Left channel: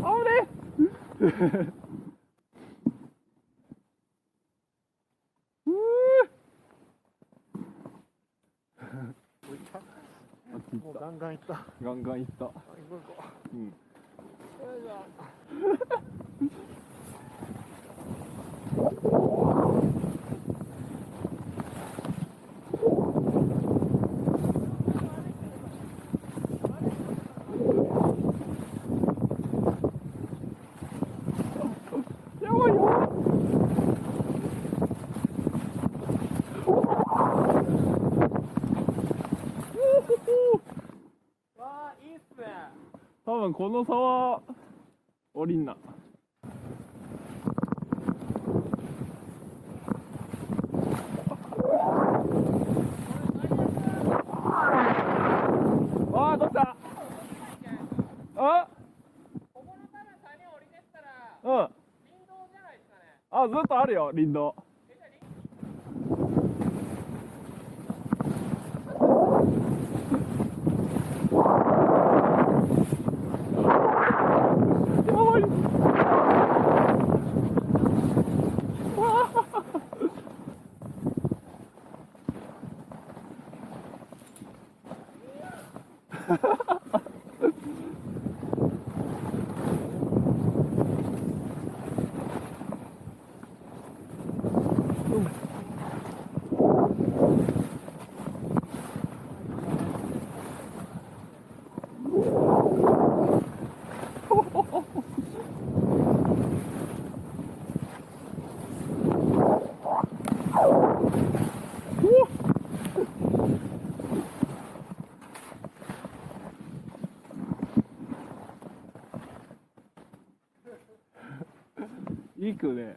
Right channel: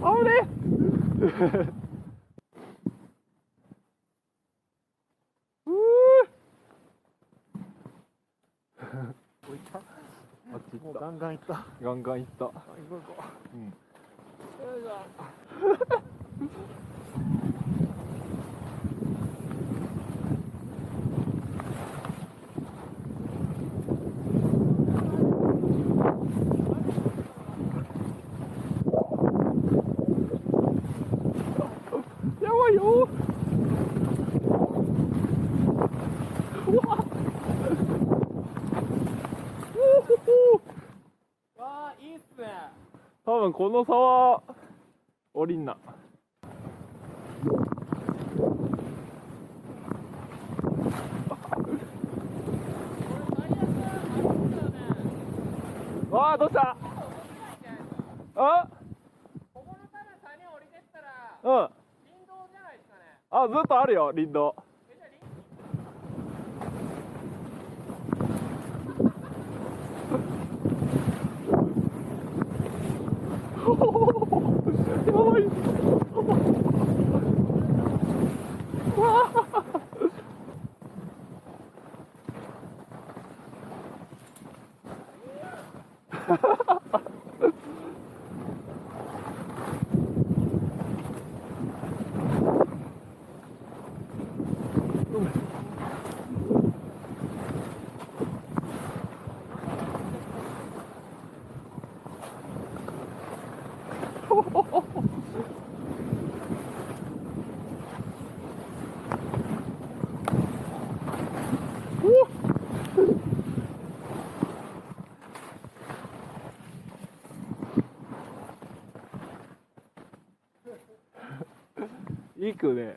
あれもうガンガンいった。ガンガンいった。行こう行こう。うん。よいしょ。やばいよ。わあ、いいっすね。多分この差は降りんな。ああ、どうした？あ？ここの多分谷降りてったら、うん。林道じゃないですかね。あ、ずっとあるよ、林道。じゃあやばい。いいくね。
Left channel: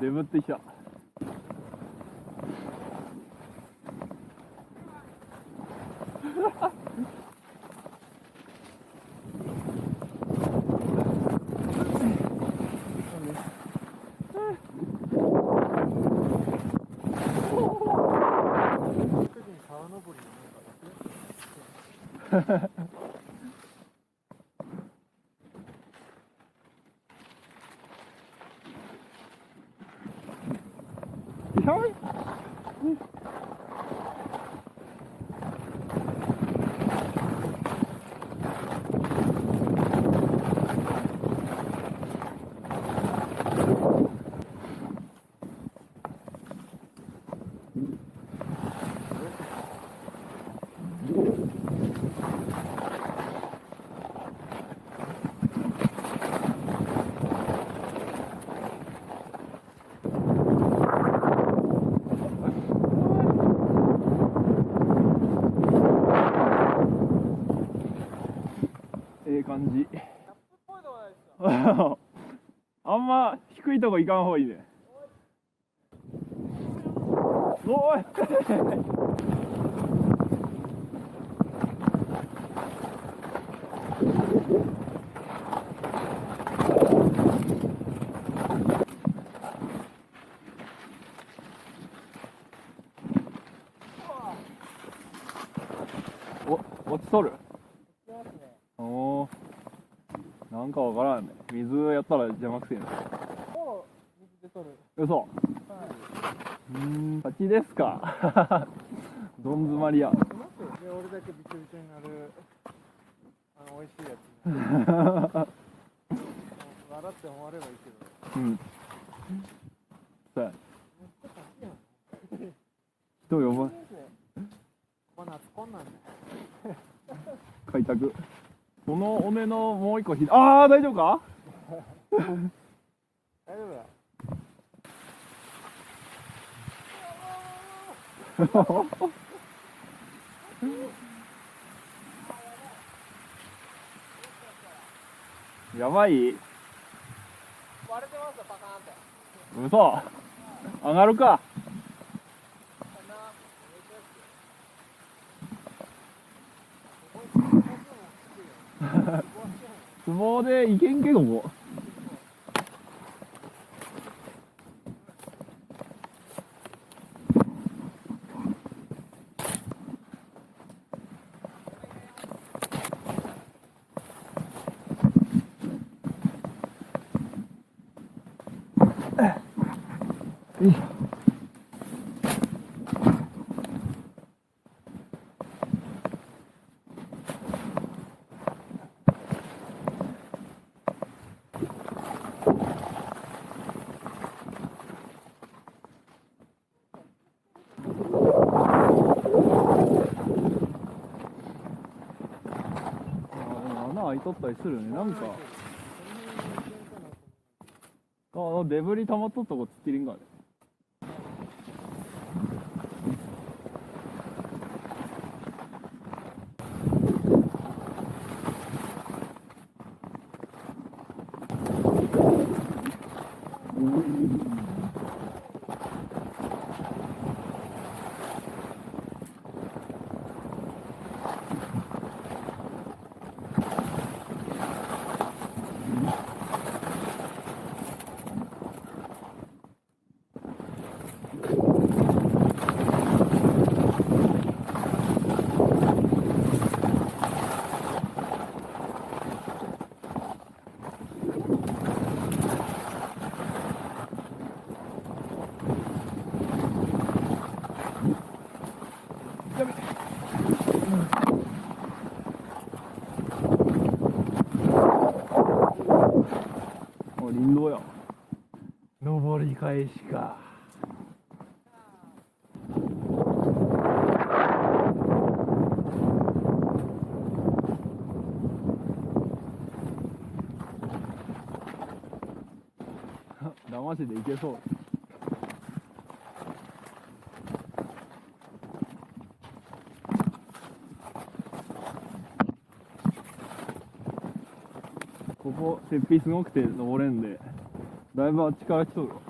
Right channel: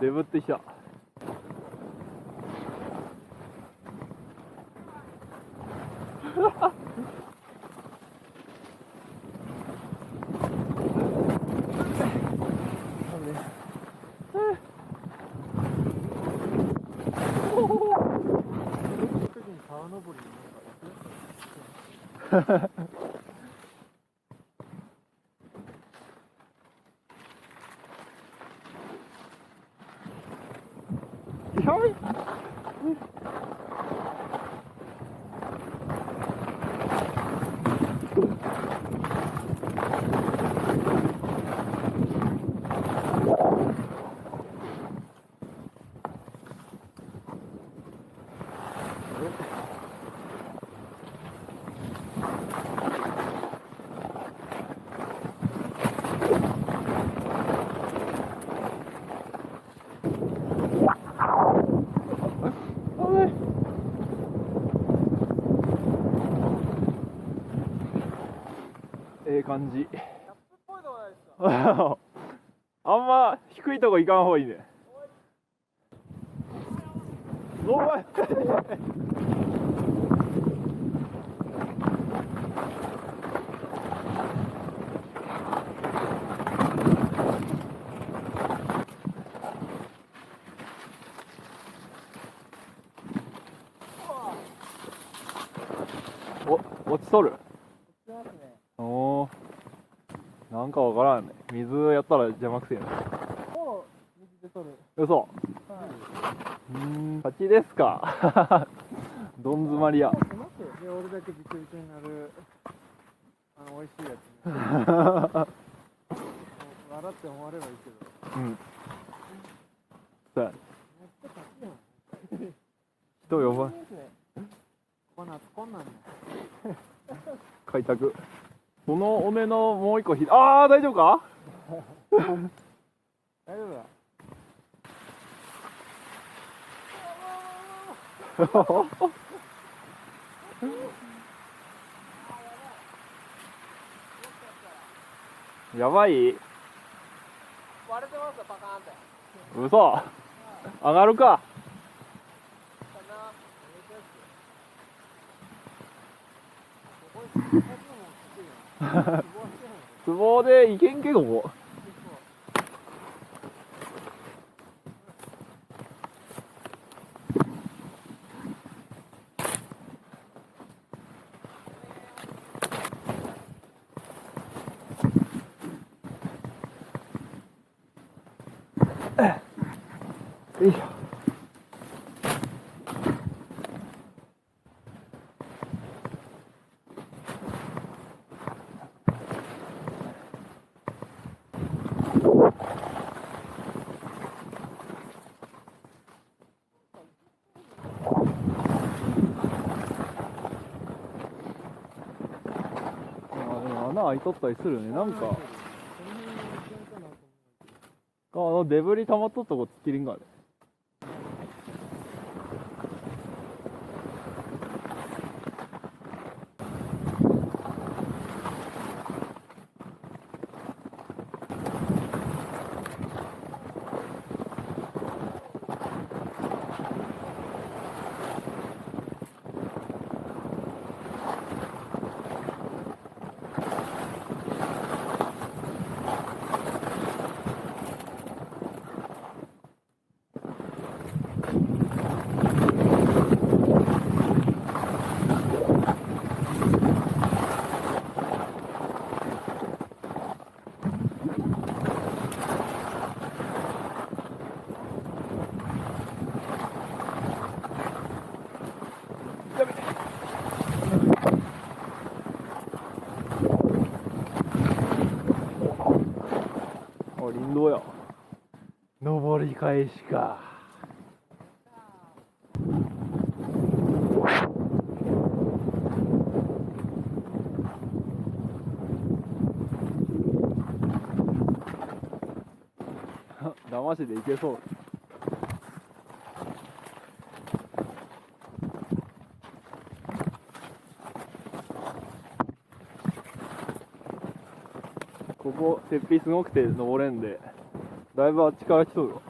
デブってきた。感じ。キャップっぽいとこないですか？あんま低いとこ行かん方がいいね。おい落ちとる。落ちますね。おー、なんかわからんね。水やったら邪魔くせえな。もう水で取る。嘘。はい。滝ですか。どん詰まりや。で、俺だけビチョビチョになる、美味しいやつね。笑って思わればいいけど。うん。そうや。めっちゃ滝やん。人呼ばん。ここ夏こんなんだ。開拓。この尾根のもう一個ああ、大丈夫か？大丈夫だ。やばい？割れてますよ、パカーンって。嘘。上がるか。相撲でいけんけども。よいしょ。穴開いとったりするよね。なんかデブリ溜まっとったとこ突っ切りんがある。林道や。登り返しか。騙しでいけそう。ここ雪庇すごくて登れんで、だいぶあっちから来とるわ。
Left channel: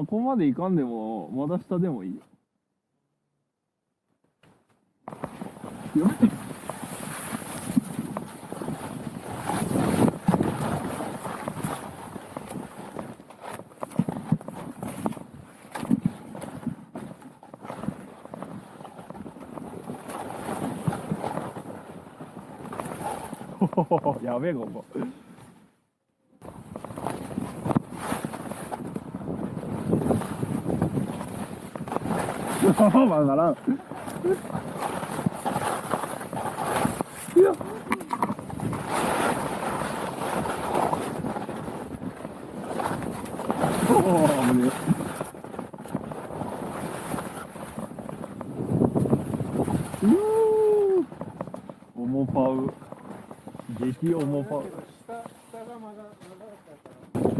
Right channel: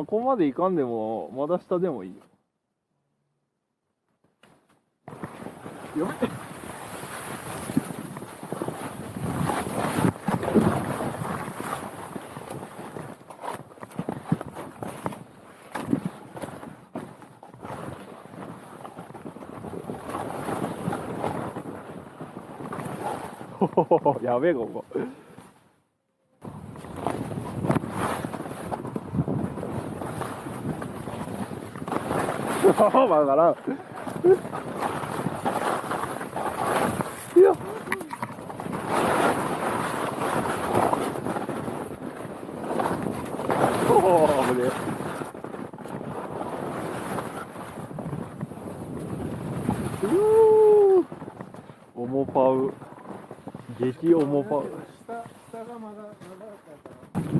あここまで行かんでもまだ下でもいいよ。よっやべえここ。わからん。いや。おお、危ねえ。オモパウ。激オモパウ。下がまだ長かったから。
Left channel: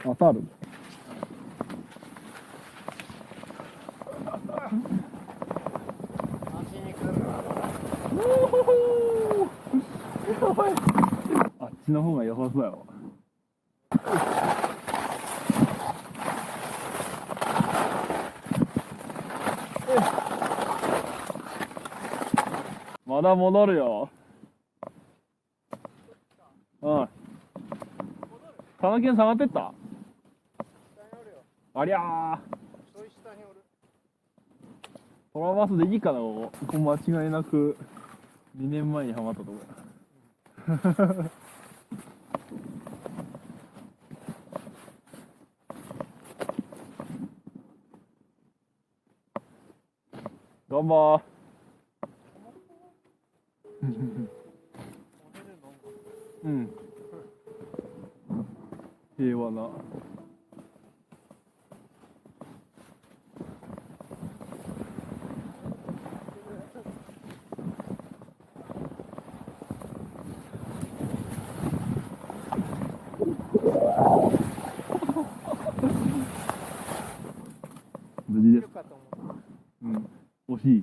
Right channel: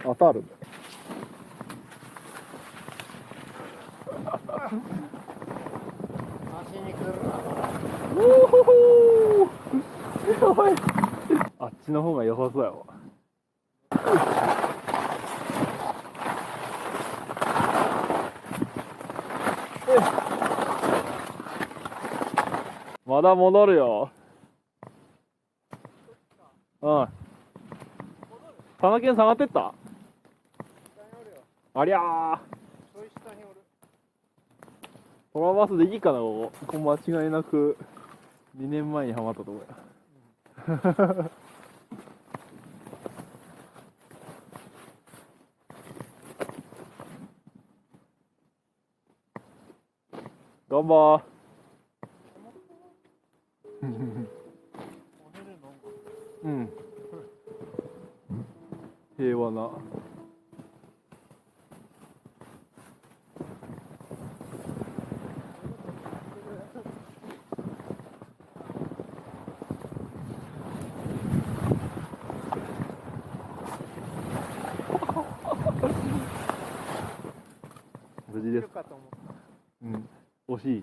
当たる。足に来るな。やばい。あっちの方が良さそうやわ。まだ戻るよ。うん。佐野県下がってった？ありゃー。ちょい下におる。トラバースできっかな、ここ。ここ間違いなく2年前にハマったとこや。頑張ー。うん。平和な。無事です。うん、惜しい。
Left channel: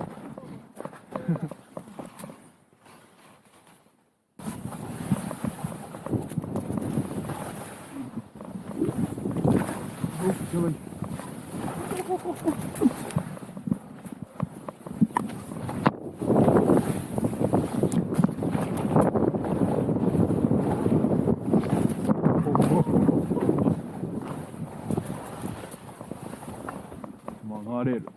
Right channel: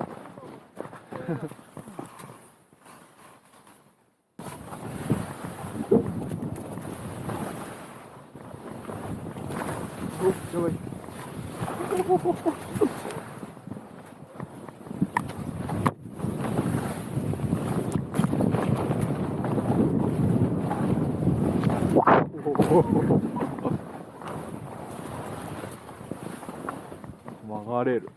お、やばい。曲がれる。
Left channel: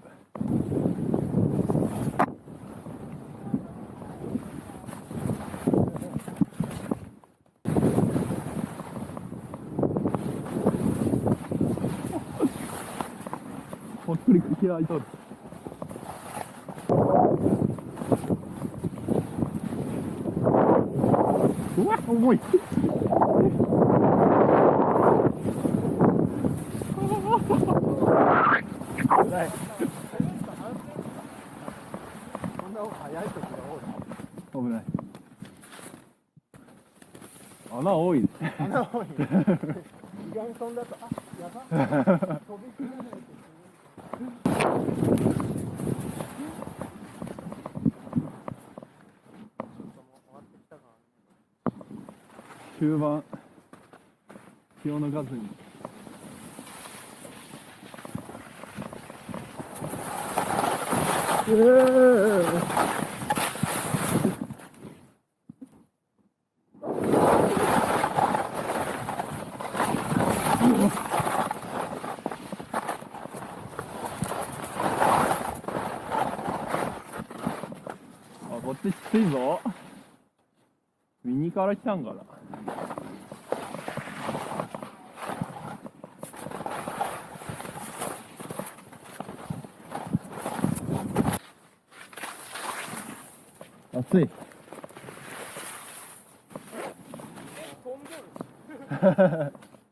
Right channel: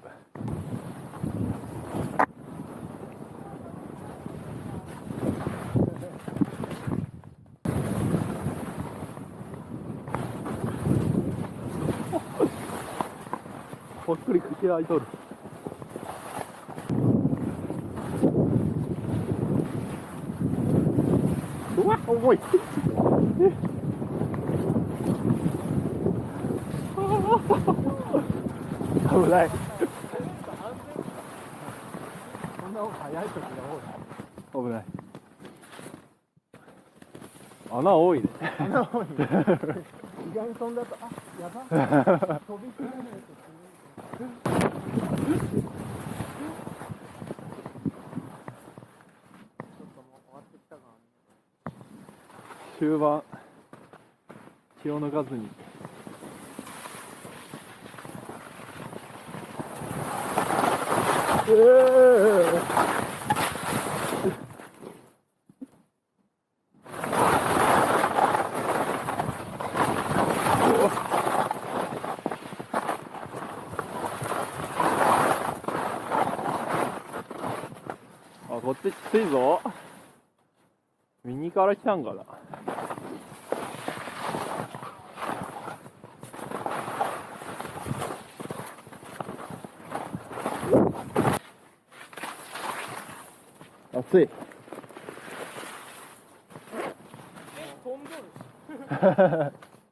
ほっくり口開いとる。うわ、重い。危ない。そんな早い時が多い。危ない。穴多いね。穴多い。意外に飛んだと、あ、やば。飛び切らないと。ちょっともう終わってきたからね。終盤気を抜かずに。あ、こっちきついぞ。右から来たんかな。暑い。飛んでるし